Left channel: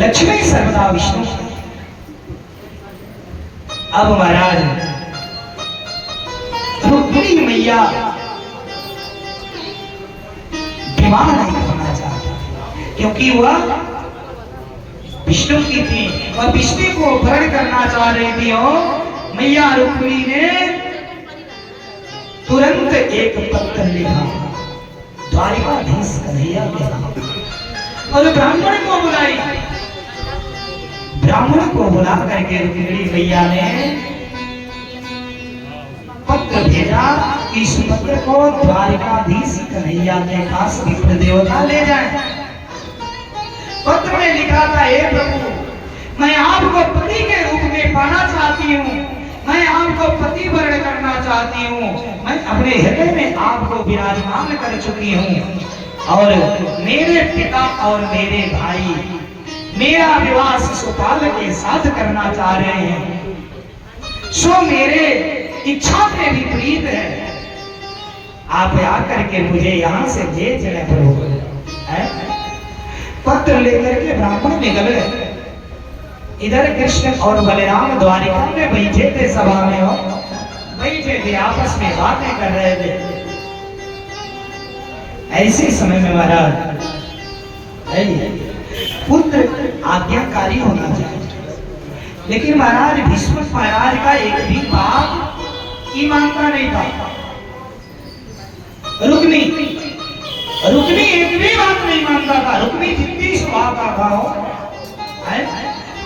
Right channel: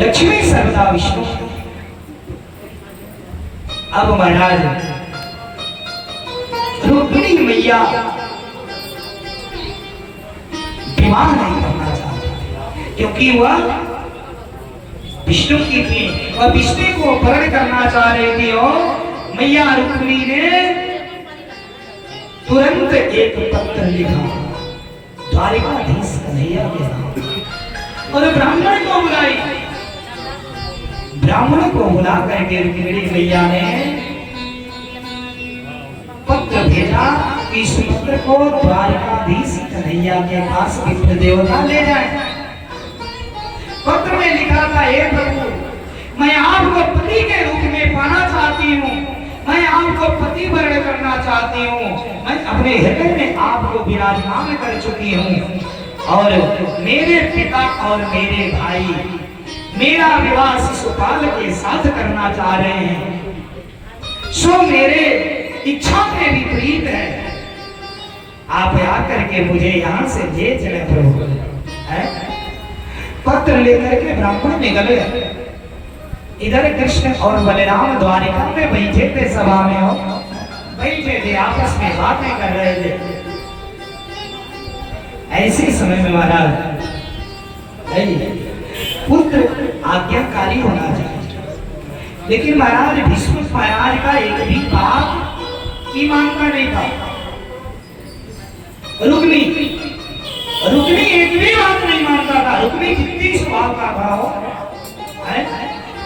लक्ष्मी सर्वदा विष्णु। अब महाराज रुक्मिणी मैया विवाह नहीं करना चाहती क्योंकि वह विष्णु की थी और विष्णु को वर्ण करना चाह रही थी। और मैया रुक्मिणी ने तुरंत एक पत्र लिखा द्वारिकाधीश कन्हैया के नाम और ब्राह्मण को बुलाई। ब्राह्मण को बुला करके रुक्मिणी मैया ने पत्र भेजा कि इस पत्र को द्वारिकाधीश कन्हैया के पास विप्र देवता ले जाए। पत्र में लिखा था, हे प्रभु मैं आपको पति के रूप में पाना चाहती हूँ, मैं आपको पति वर्ण करना चाहती हूँ, मैं अपने हृदय में आपको विराजमान कर चुकी हूँ और मेरे पिता और मेरे भाई मेरा विवाह शिशुपाल के साथ करना चाह रहे हैं, सो मेरे इच्छा के विपरीत है। आप आकर के मुझे यहाँ से ले चले प्रभु। पत्र लेकर के ब्राह्मण निकले। इधर कृष्ण और बलराम द्वारिका में बैठे थे, सभा में हो बैठे थे, आपस में बातें कर रहे थे। ऐसे समय में महाराज पुत्र आज्ञाकारी होना चाहिए, लेकिन महाराज भीष्म महाराज का एक भी बात की मानता नहीं था। रुक्मी एक भी बात नहीं मानता था। रुक्मी जितनी स्वभाव का था हो,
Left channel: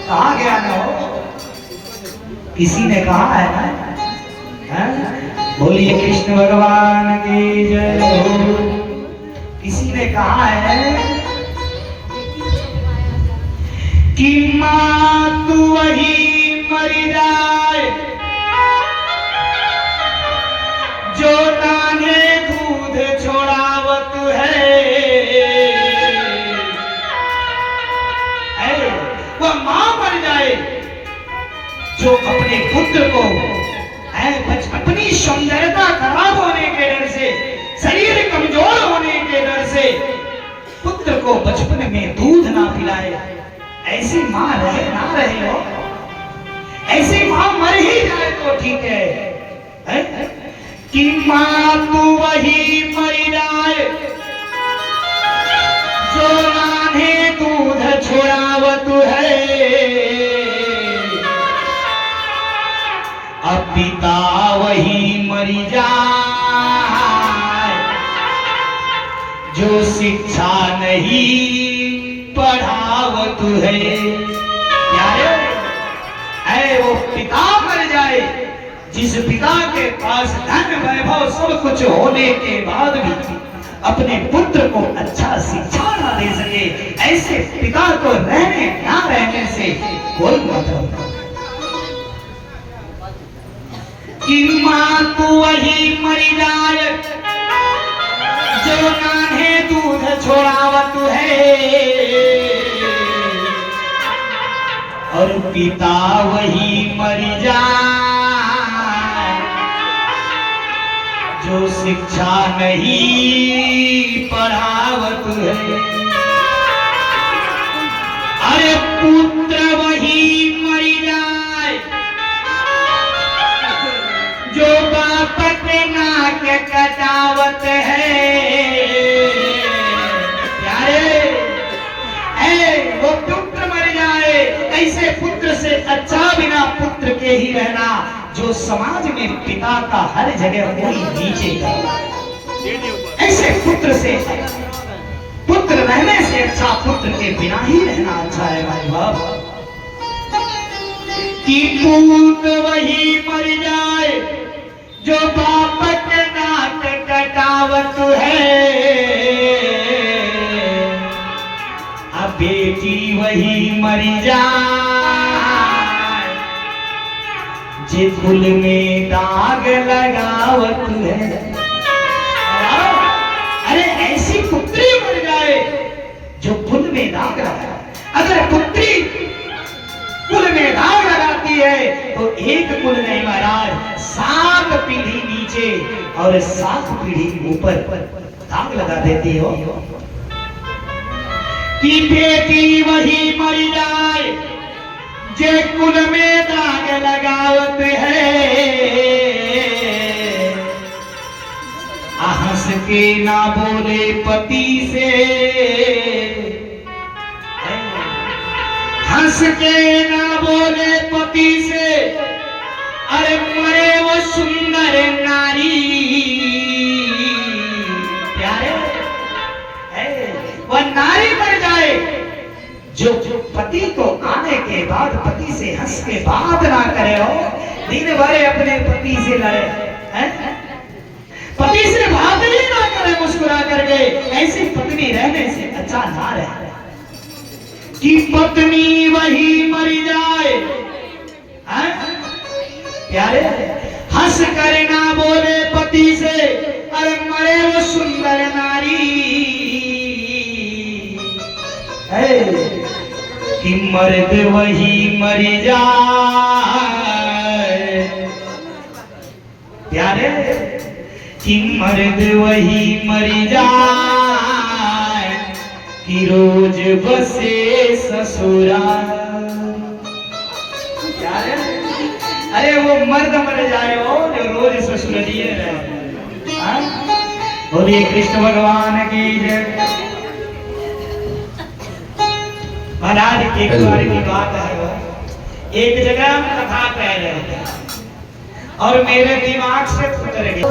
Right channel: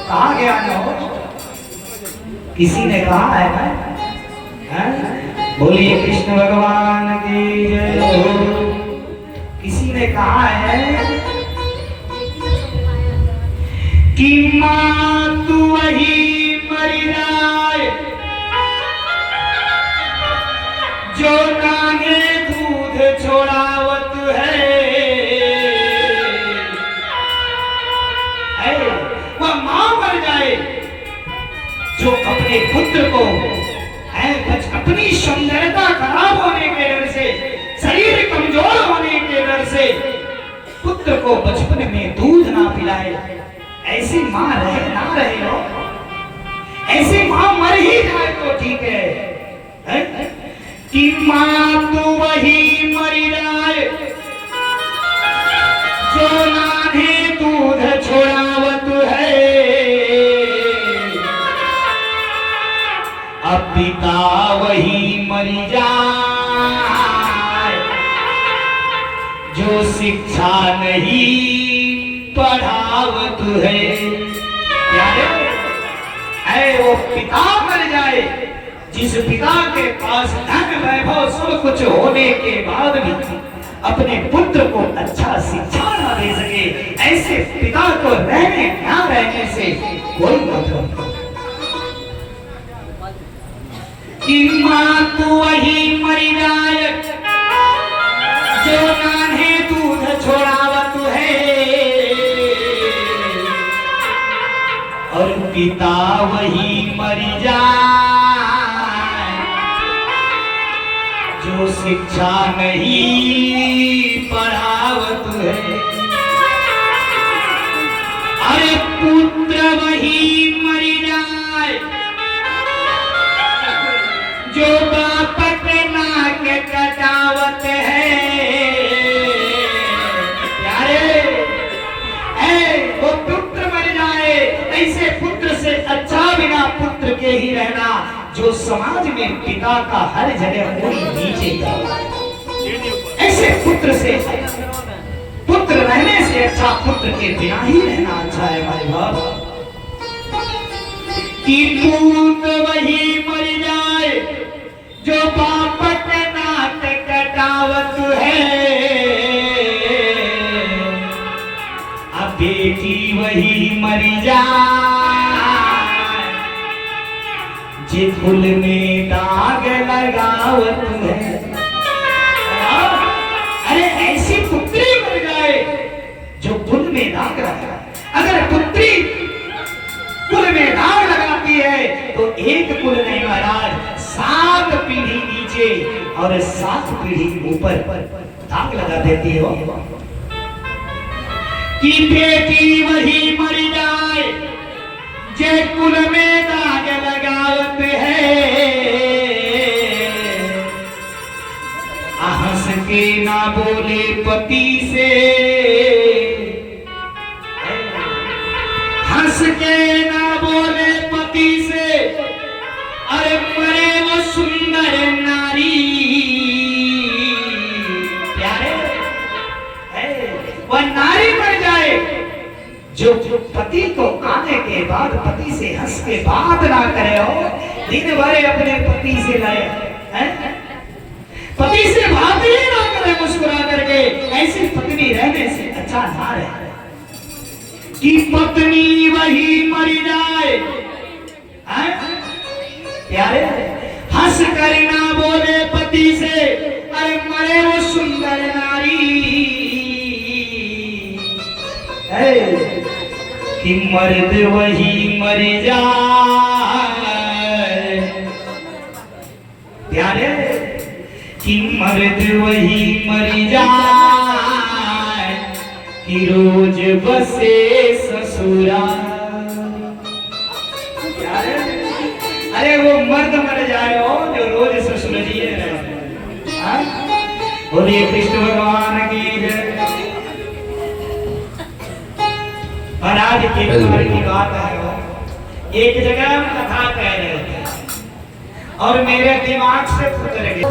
कहा गया ना हो, किसी ने कहा है ना, बोलिए कृष्ण भगवान की जय हो। किसी ने कहा है कि माँ तू वही मर जाए जो नाने दूध छोड़ावत है। वह माँ मर जाए जो अपने पुत्र को अपनी सुंदरता खराब होने के डर से, शरीर कमजोर होने के डर से पुत्र को बचपन में दूध ना पिलाए। ऐसी माँ रहे ना रहे हो, ऐसी माँ मर ही जाए तो ठीक है, कि माँ तू वही मर जाए जो नाने दूध छोड़ावत है। अब पिता वही मर जाए जो शिक्षा नहीं पढ़ावत है। यारे वो पिता मर जाए जिस पिता के पास धन वैभव सब कुछ होने के बाद भी अपने पुत्र को अच्छा शिक्षा न दे सके, ऐसे पिता को रहने ना रहने से कोई मतलब नहीं। कि माँ तू वही मर जाए जो नान्हे दूध छोड़ावत है और पिता वही मर जाए जो शिक्षा नहीं पढ़ावत है। अरे पुत्र वही मर जाए जो बाप के नाक कटावत है। यारे वो पुत्र मर जाए, ऐसे पुत्र से अच्छा बिना पुत्र के ही रहना जो समाज में पिता का हर जगह कोई नीचे कर। ऐसे पुत्र से पुत्र रहने से अच्छा पुत्र के बिना ही रहना अच्छा है भाई बाप। कि पूत वही मर जाए जो बाप के नाक कटावत है। अब बेटी वही मर जाए जे फूल में दाग लगावत है। अरे ऐसी पुत्री मर जाए जो फूल में दाग लगा। अगर पुत्री कुल में दाग लगाती है तो एक कुल नहीं महाराज, 7 पीढ़ी नीचे और 7 पीढ़ी ऊपर दाग लगा देती हो। कि बेटी वही मर जाए जे कुल में दाग लगावत है। हंस के ना बोले पति से, हंस के ना बोले पति से, अरे मरे वो सुंदर नारी। प्यारे वह नारी मर जाए जो पति को आने के बाद पति से हंस के बात ना करे हो, दिन भर अपने पति से लड़े, पति से बात ही ना करे मुस्कुरा करके। ऐसी पत्नी रहने से अच्छा ना रहे कि पत्नी वही मर जाए। प्यारे हंस कर ना बोले पति से, अरे मरे वो सुंदर नारी। कि मर्द वही मर जाए। प्यारे कि मर्द वही मर जाए कि रोज बसे ससुराल। प्यारे अरे वो मर्द मर जाए हो जो रोज ससुरालिए रहे। बोलिए कृष्ण भगवान की जय। महाराज के बार की बात है, वो एक जगह हम कथा कह रहे थे और मेरे दिमाग से उतर गया।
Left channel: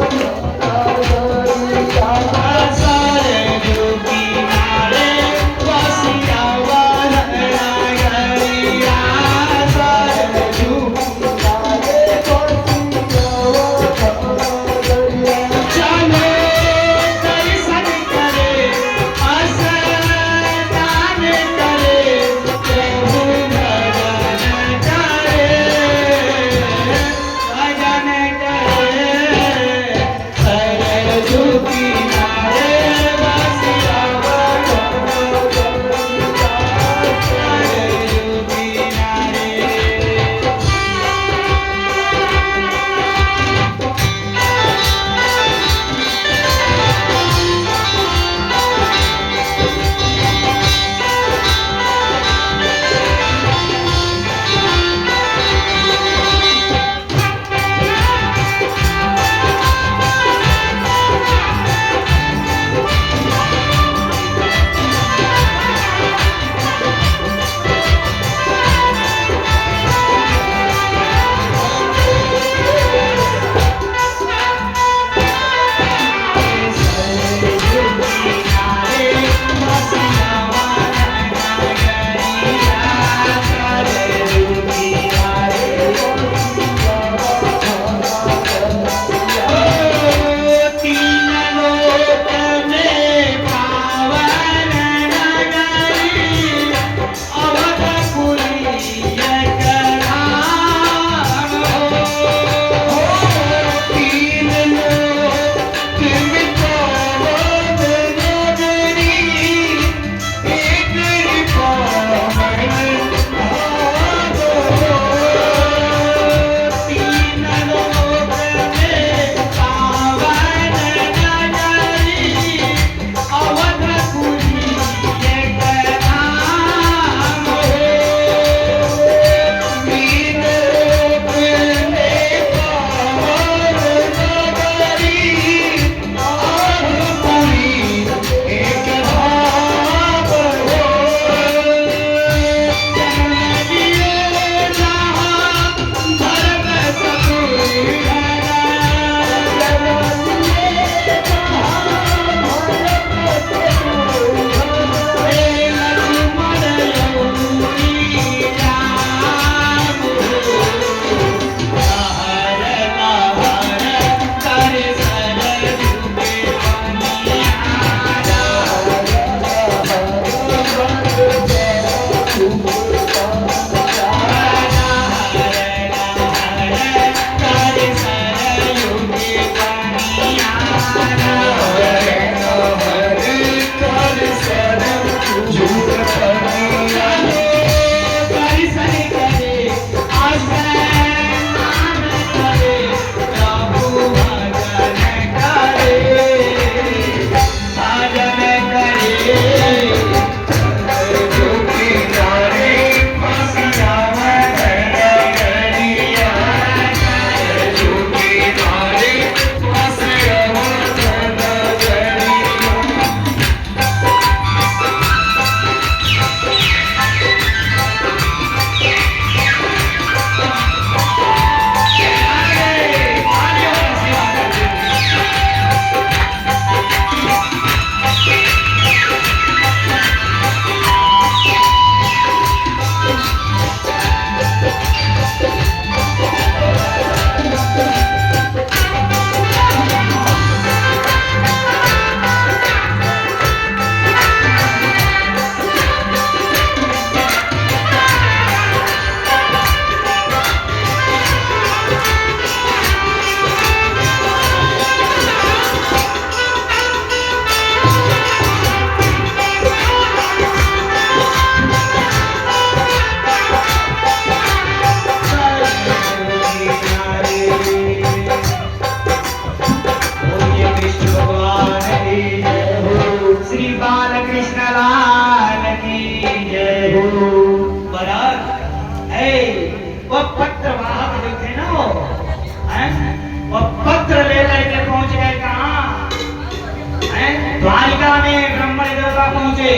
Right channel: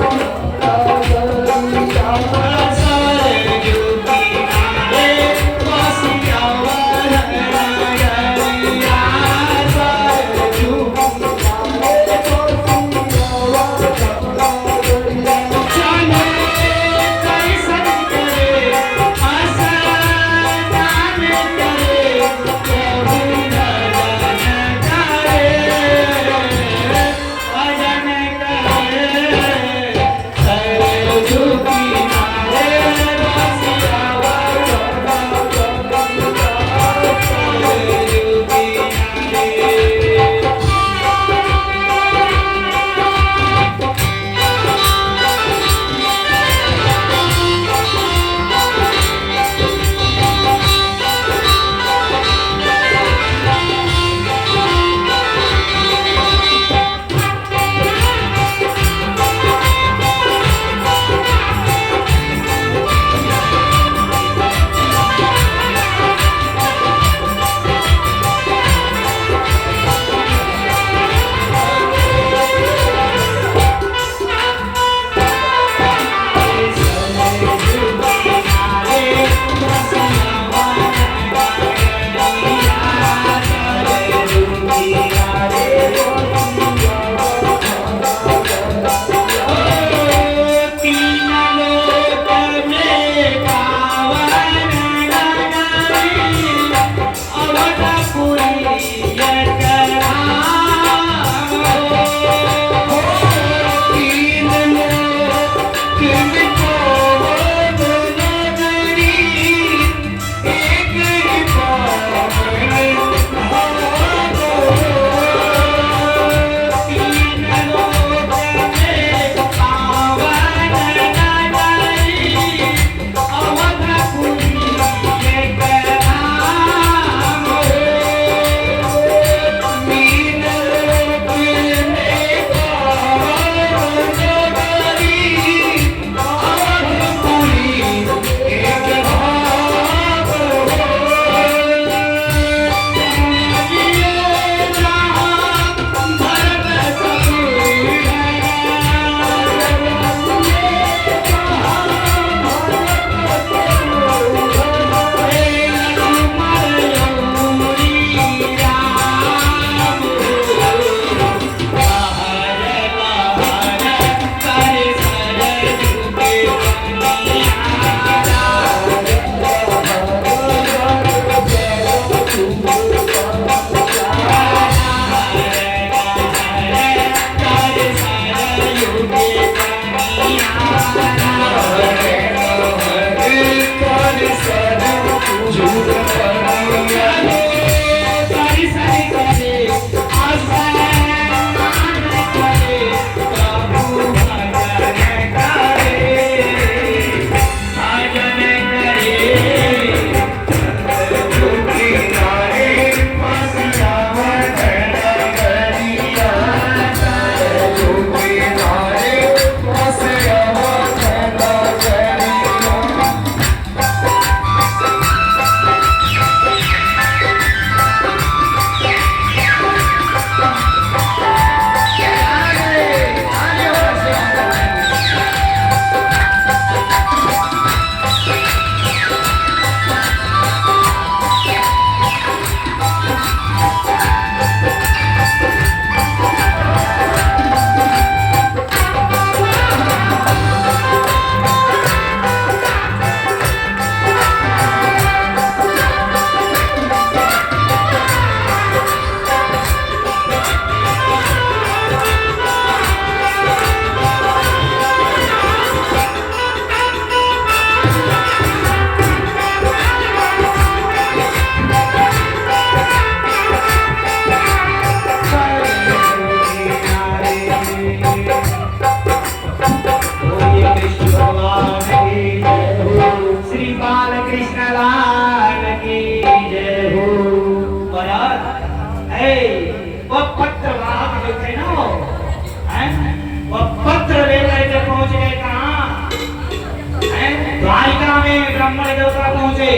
द्वारिका में ब्राह्मण देवता पहुंचे,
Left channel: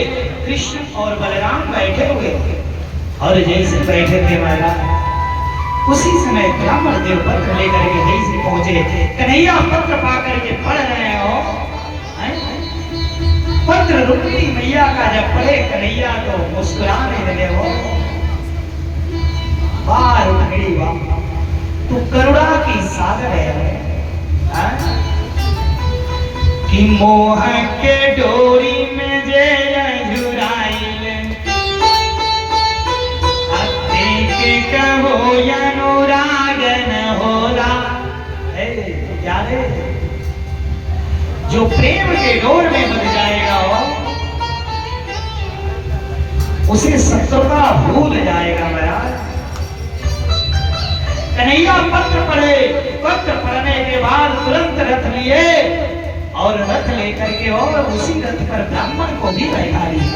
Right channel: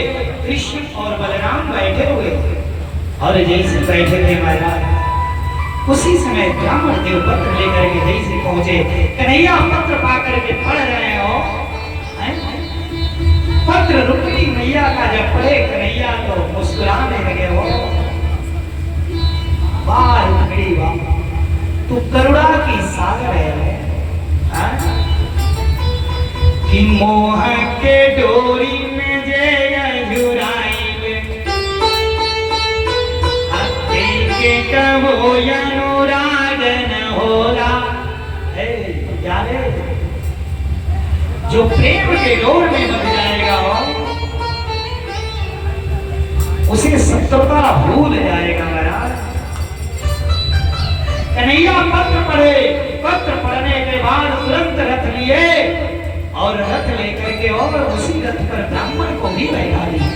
कृष्ण और बलराम बैठे हुए थे और जैसे बैठे थे महाराज उसी समय ब्राह्मण देव पत्र लेकर के जैसे पहुंचे, कन्हैया पत्र पाकर के पढ़ रहे हो। पत्र रुक्मिणी मैया का जब पढ़े कन्हैया तो मुस्कुराने लगे हो। वाह रुक्मिणी वाह, तू करुणा की सागर है। कि मोह के डोरी में जे जुराइल के कहो अनुराग न होला। जाने जो प्रेम के डोर में बंध जाएगा उसे शत्रुता भूल जाएगा महाराज। कन्हैया पत्र पढ़े, पत्र पढ़ने के बाद तुरंत रथ लिए और रथ लेकर के और उसी रथ पर ब्राह्मण को भी बैठा लिया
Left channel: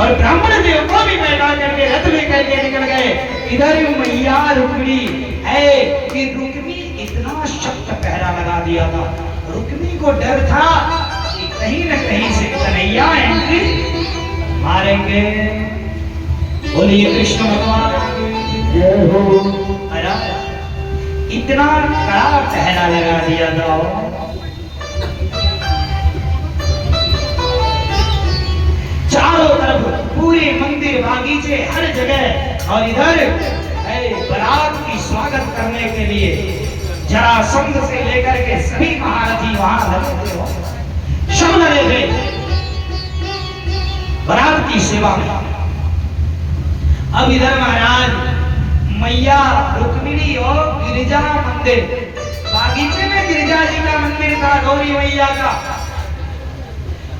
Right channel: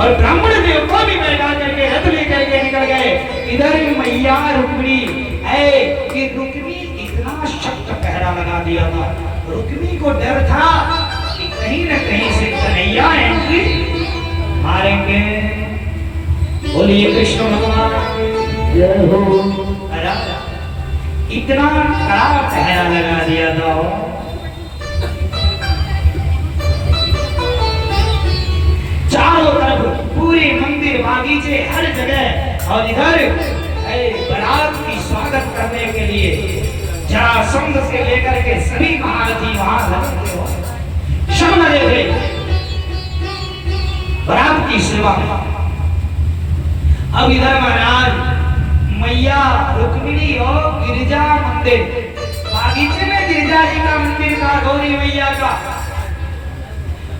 और ब्राह्मण देव को भी बैठा करके रथ लेकर के निकल गए। इधर मैया रुक्मिणी है कि रुक्मी इतना शक्त पहरा लगा दिया था। रुक्मी को डर था कि कहीं न कहीं से कन्हैया एंट्री मारेंगे। बोलिए कृष्ण भगवान जय हो। इतना कड़ा पहरा लगा दिया था। चारों तरफ पूरे मंदिर बागीचे हर जगह और इधर बारात की स्वागत करने के लिए जरासंध से लेकर के सभी महारथी वहां लगे हो, सब लगे थे बारात की सेवा में। अब इधर महाराज मैया रुक्मिणी और गिरिजा मंदिर बागीचे में गिरिजा जी का मंदिर था, गौरी मैया का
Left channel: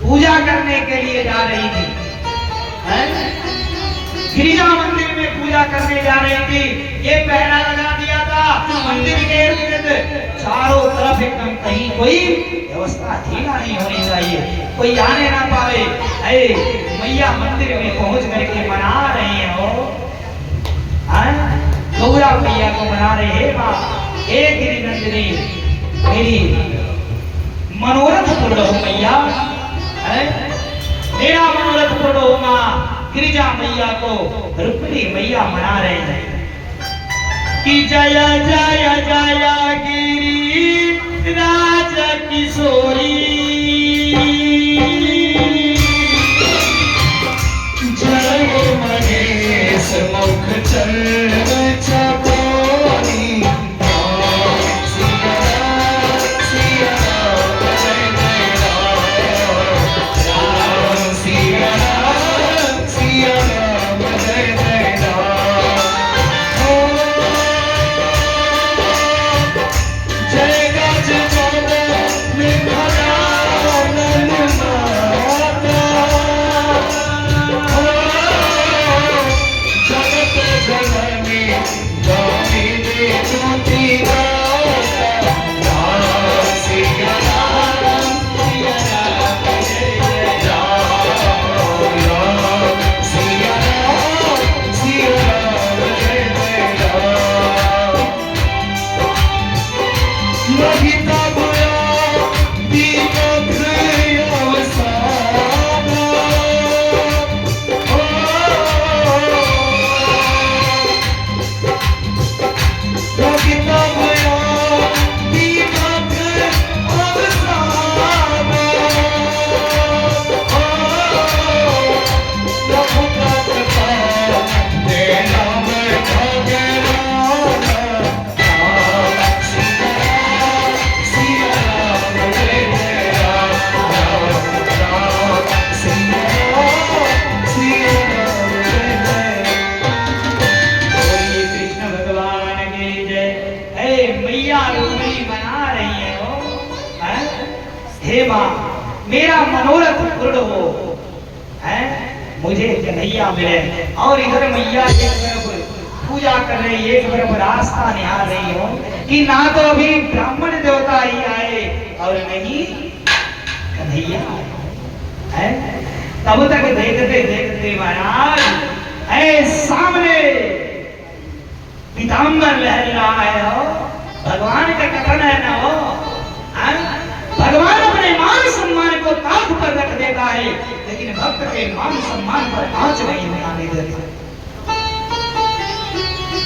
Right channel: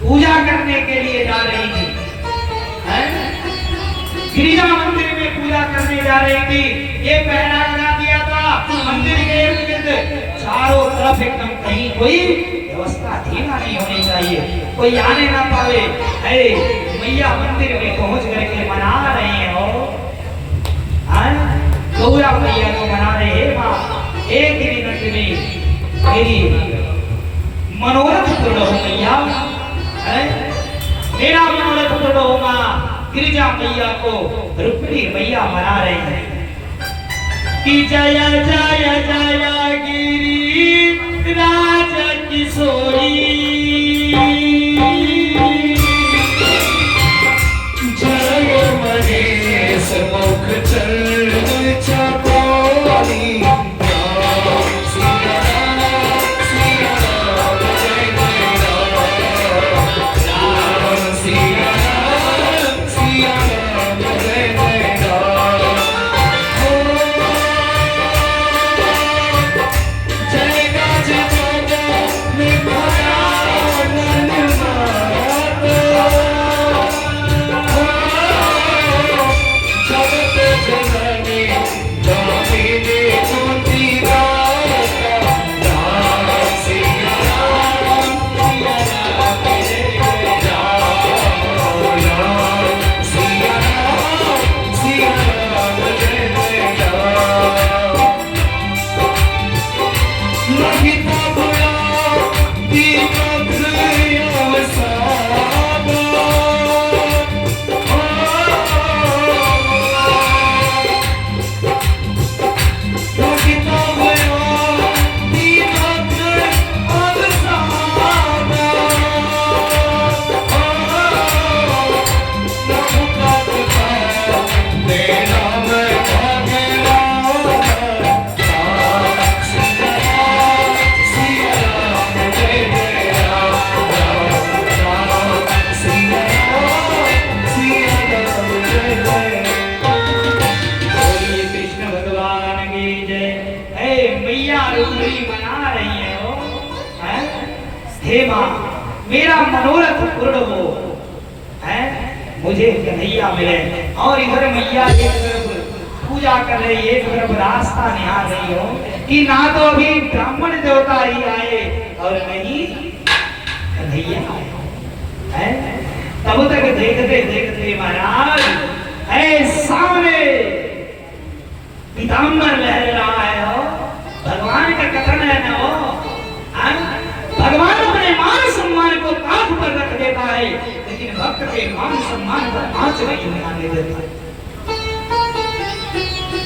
पूजा करने के लिए जा रही थी। गिरिजा मंदिर में पूजा करने जा रही थी। ये पहरा लगा दिया था मंदिर के इर्द गिर्द चारों तरफ एकदम, कहीं कोई व्यवस्था ढीला नहीं होनी चाहिए, कोई आने ना पावे। अरे मैया मंदिर में पहुंच करके मना रहे हो, गौरा मैया को मना रहे हे माँ, हे गिरिनंदिनी मेरी मनोरथ पूर्ण हो मैया, मेरा मनोरथ पूर्ण हो माँ। गिरिजा मैया को रुक्मिणी मैया मना रहे हैं कि जय जय जय गिरी राज किशोरी, जय महेश मुख चल हे माँ मेरा मनोरथ पूर्ण हो, है मुझे कन्हैया मिले। और इधर मैया एक तरफ पूजा कर रही, एक तरफ रास्ता निहार रही हो कि ना तो अभी ब्राह्मण देवता ही आए और नहीं कन्हैया है। तब तक देखते देखते महाराज सामने पीताम्बर लहर रहा है। भगवान का कथन है ना, हो भगवान अपने मान सम्मान सम्मान पर आंच नहीं आने देता।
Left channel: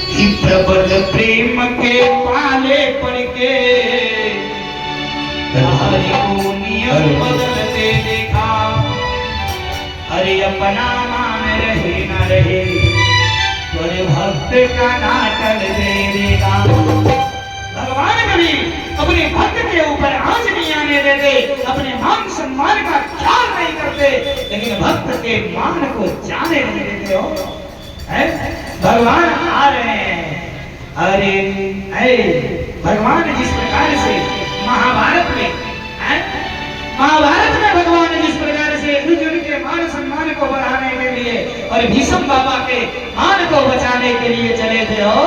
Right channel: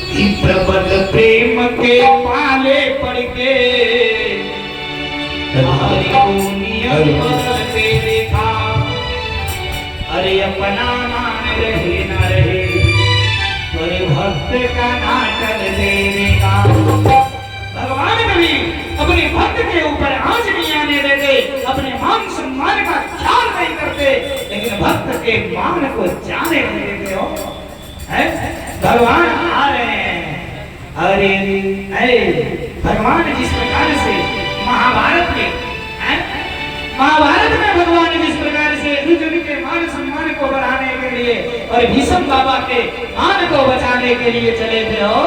कि प्रबल प्रेम के पाले पड़ के हरि को नियम बदलते देखा। अरे अपना मान रहे न रहे पर भक्त का नाटक देगा। भगवान कभी अपने भक्त के ऊपर आंच नहीं आने देते, अपने मान सम्मान का ख्याल नहीं करते, लेकिन भक्त के मान को जाने नहीं देते हो। भगवान आ रहे हैं। अरे भगवान जिस प्रकार से महाभारत में भगवान जिस प्रकार से अर्जुन के मान सम्मान को बढ़ाने के लिए और भीष्म बाबा के मान को बचाने के लिए चले थे हो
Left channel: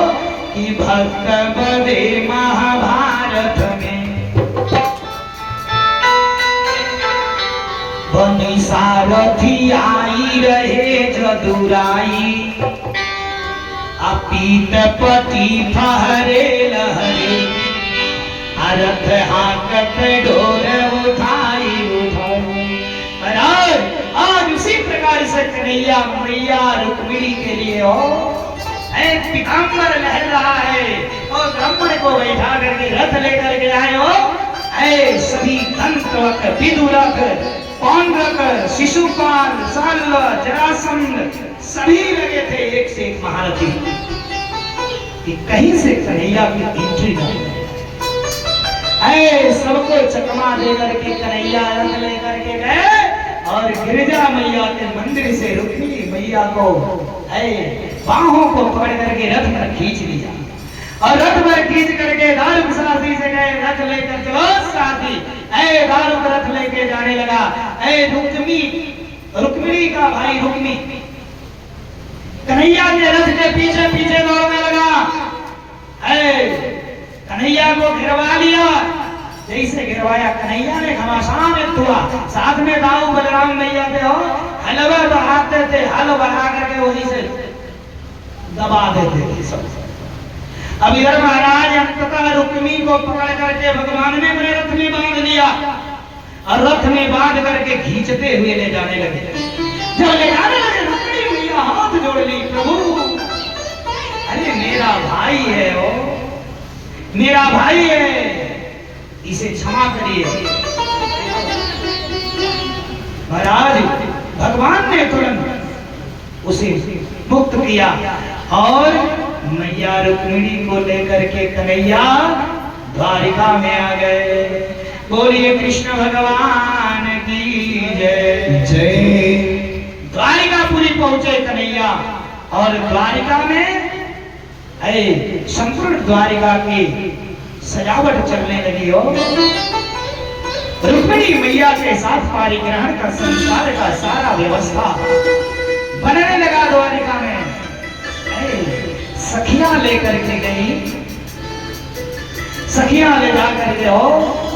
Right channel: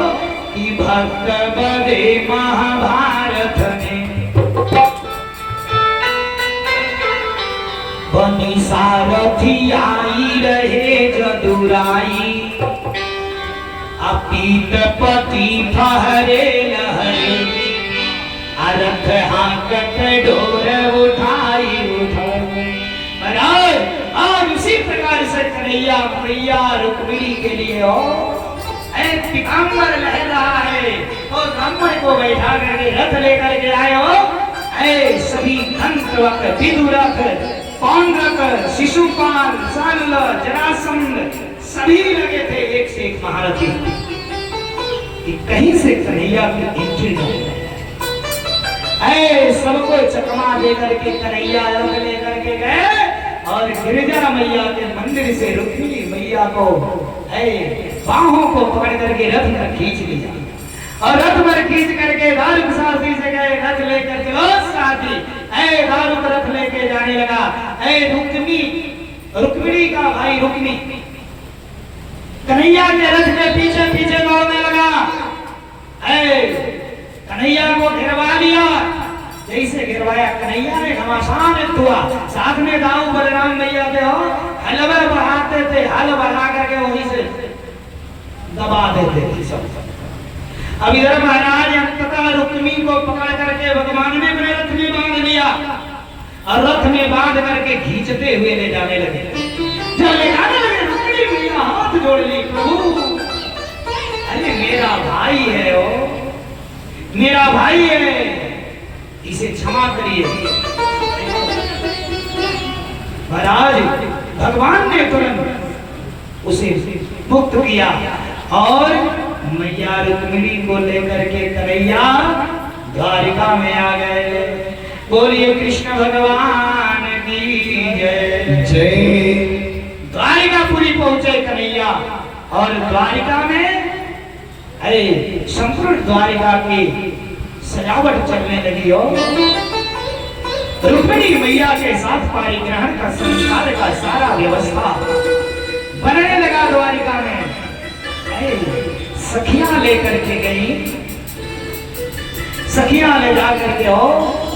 कि भक्त बदे महाभारत में बनी सारथी आई रहे जदुराई। अपीत पति फहरे लहरे अरथ हाकत डोर उठाई आज उसी प्रकार से कन्हैया मैया रुक्मिणी के लिए हो पीताम्बर लहर रहा है और ब्राह्मण को बैठा करके रथ लेकर के आए हो। सभी दंतवक विदुरक पौंड्रक शिशुपाल शल्य जरासंध सभी लगे थे एक से एक महारथी कि कहीं से कन्हैया की एंट्री नहीं है। सबको चकमा दे करके कन्हैया रथ लेकर के गए और गिरिजा मैया के मंदिर से रुक्मिणी मैया को बाहों को पकड़ करके रथ में खींच लिया और रथ में खींच करके दारुक साथी से गए रथ लेकर चलो साथी। दारुक रथ लेके जाने लगा। रुक्मिणी का भाई रुक्मी कन्हैया के रथ के पीछे पीछे दौड़ने लगा। कन्हैया को गिरवा लिया। जैसे गिरवाया कन्हैया ने घमासान हुआ। साथ में दाऊ बलराम मैया थे हो हलवा बढ़ाते थे, हल बढ़ा करके वहीं से दबा देते थे सब। अब इधर महाराज अंततः रुक्मी को पकड़ करके भगवान ने अपने रथ में बांध लिया और रथ में बांध करके खींचते हुए ले जाने लगे। जब ले जाने लगे रुक्मी मैया हाथ जोड़ ली, प्रभु अरे मेरा भाई है वो, मेरा भाई है, इसे क्षमा करिए। महाराज भगवान ने तुरंत उसे मुक्त किया और मैया रुक्मिणी को लेकर के कन्हैया द्वारिका में आ गए। बोलिए कृष्ण भगवान की जय जय। द्वारिकापुरी पहुंचे कन्हैया और द्वारिका में संपूर्ण द्वारिका की सजावट चलने लगी हो। रुक्मिणी मैया के साथ पारिग्रहण का संस्कार का सारा व्यवस्था बनने लगा द्वारिका में। सखियां लेकर के गई, सखियां ले जा करके हो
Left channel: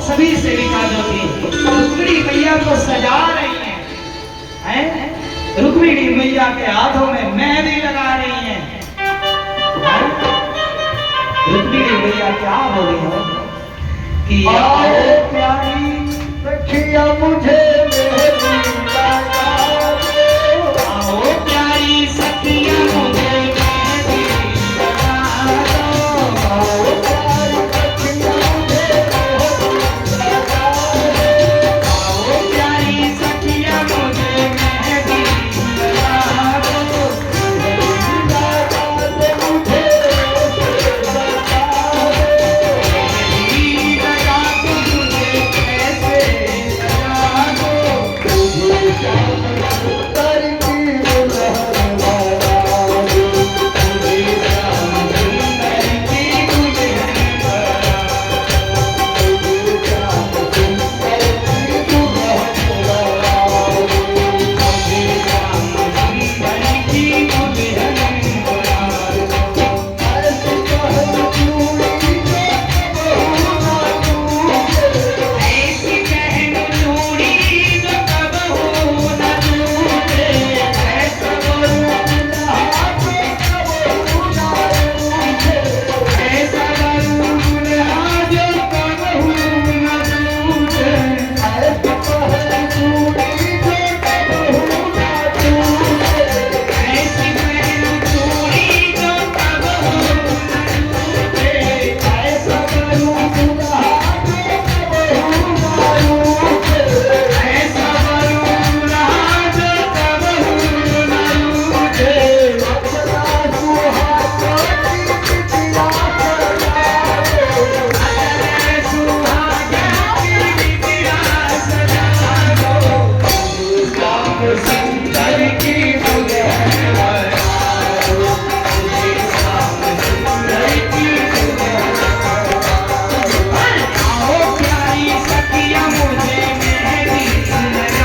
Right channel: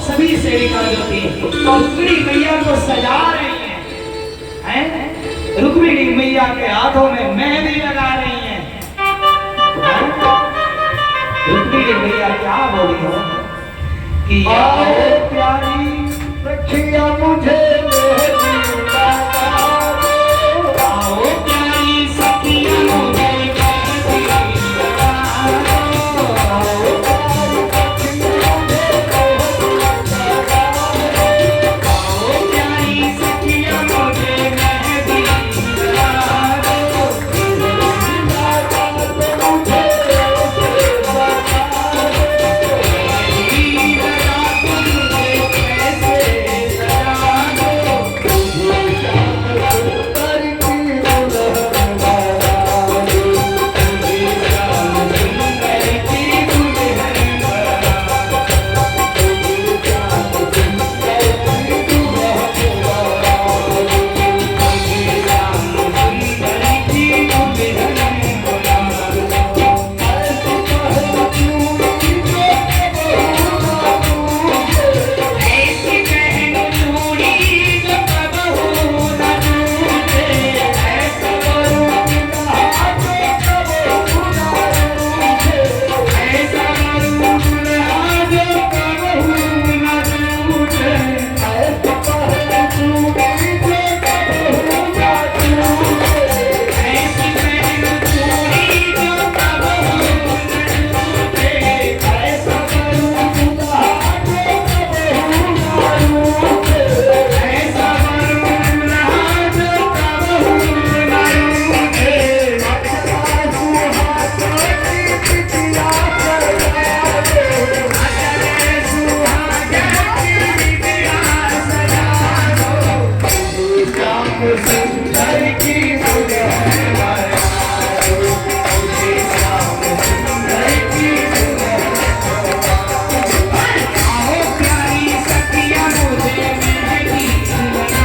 सभी सेविका जो थी रुक्मिणी मैया को सजा रही हैं। रुक्मिणी मैया के हाथों में मेहंदी लगा रही हैं। रुक्मिणी मैया क्या बोली हो कि आओ प्यारी रखिया मुझे सुंदर की मुझे मुझे श्याम सुंदर की मुझे आओ प्यारी सखिया मुझे मेहंदी लगा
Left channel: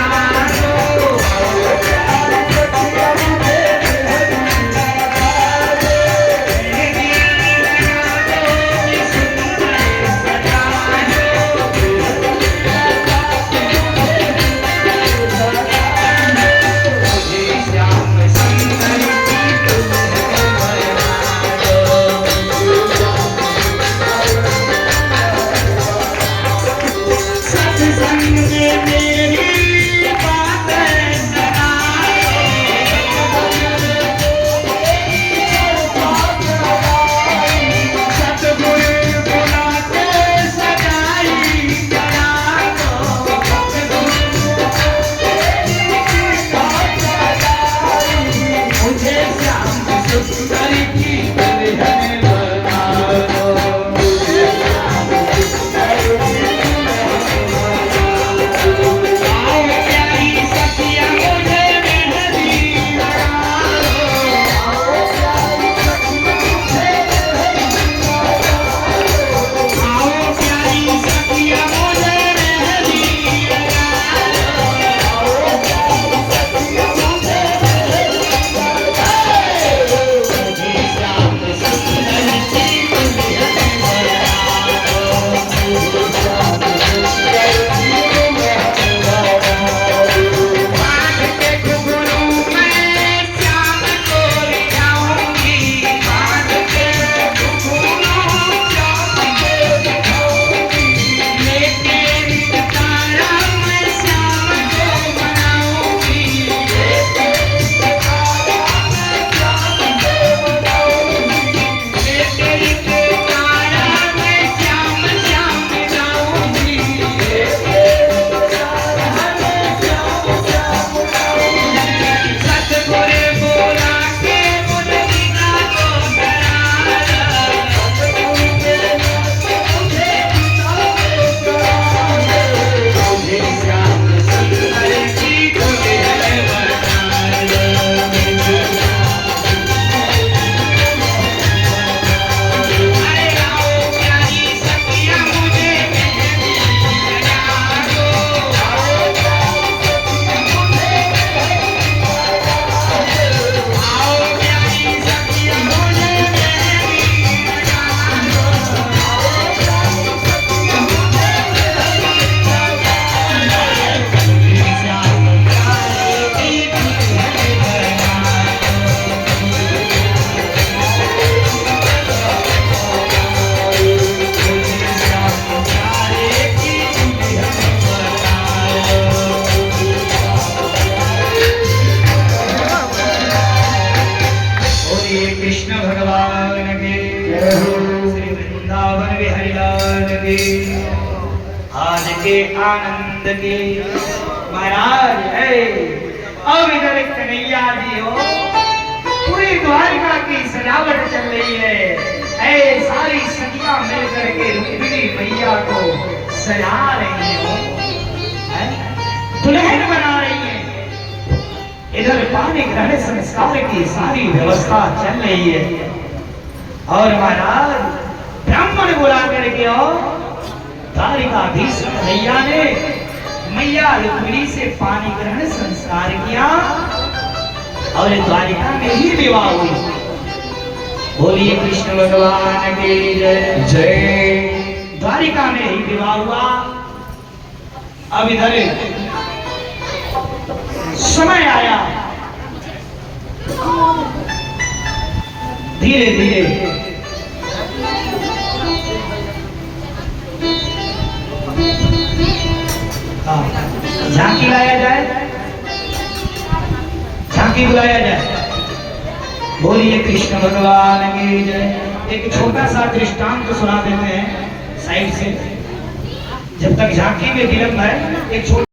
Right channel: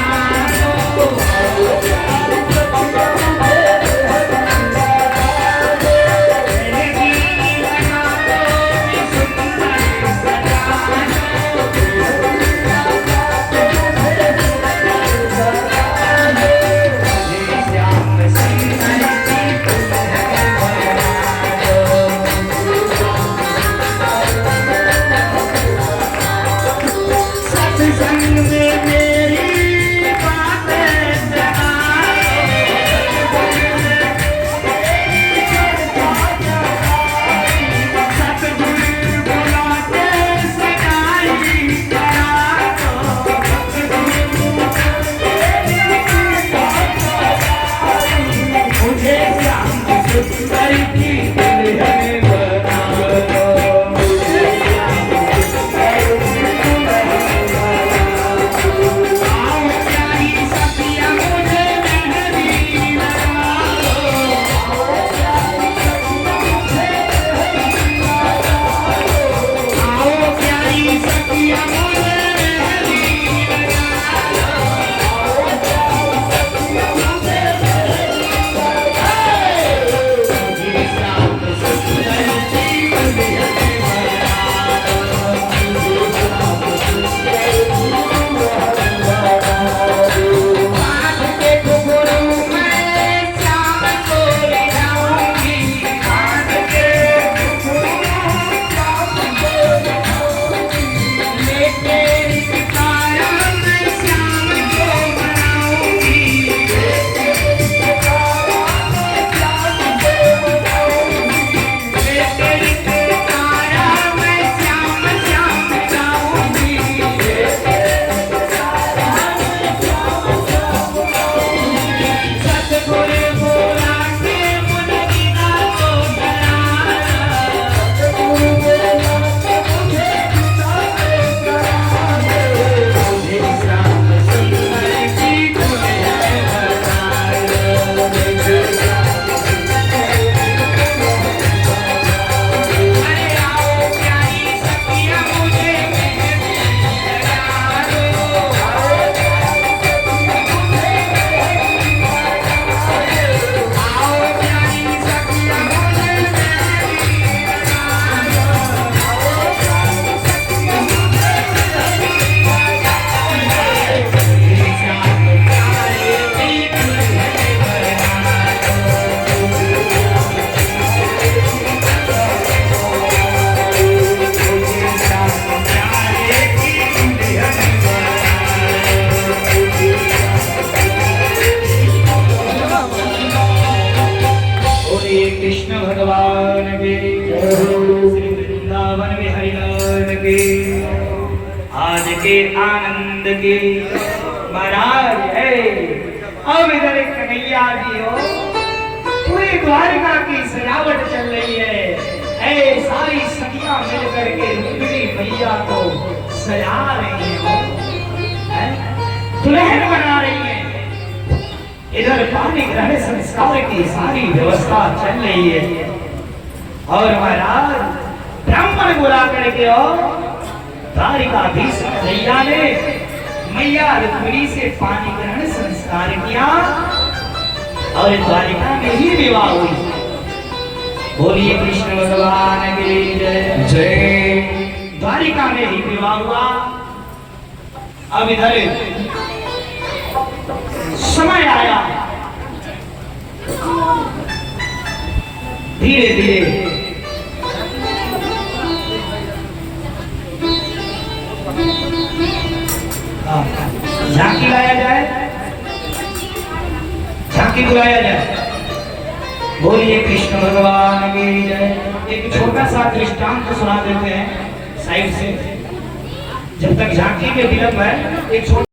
दो कृष्ण भगवान के श्री वृंदावन बिहारी लाल के आज के आनंद के महाराज है। अब इधर एक कन्हैया जी हो, पूरी द्वारिका की सजावट चल रही है। सारी सखियां मिलकर के रुक्मिणी मैया को सजा रही हो, दुल्हन बना रही है। इधर पानी ग्रहण संस्कार की सारी व्यवस्था चल रही है और महाराज ब्राह्मण बुला करके द्वारिकाधीश कन्हैया ने मैया रुक्मिणी से पानी ग्रहण संस्कार किया और द्वारिका में ही विवाह हुई। बोलिए कृष्ण भगवान की जय जय। द्वारिका में ही विवाह हुआ। अब इधर समय आया, धीरे धीरे झांकी लाया जाए, झांकी बुलाया जाए। बोलिए कृष्ण भगवान की जय। एक छोटा सा दृष्टांत सुना देते हैं साइड से, जब तक झांकी में विलंब है। एक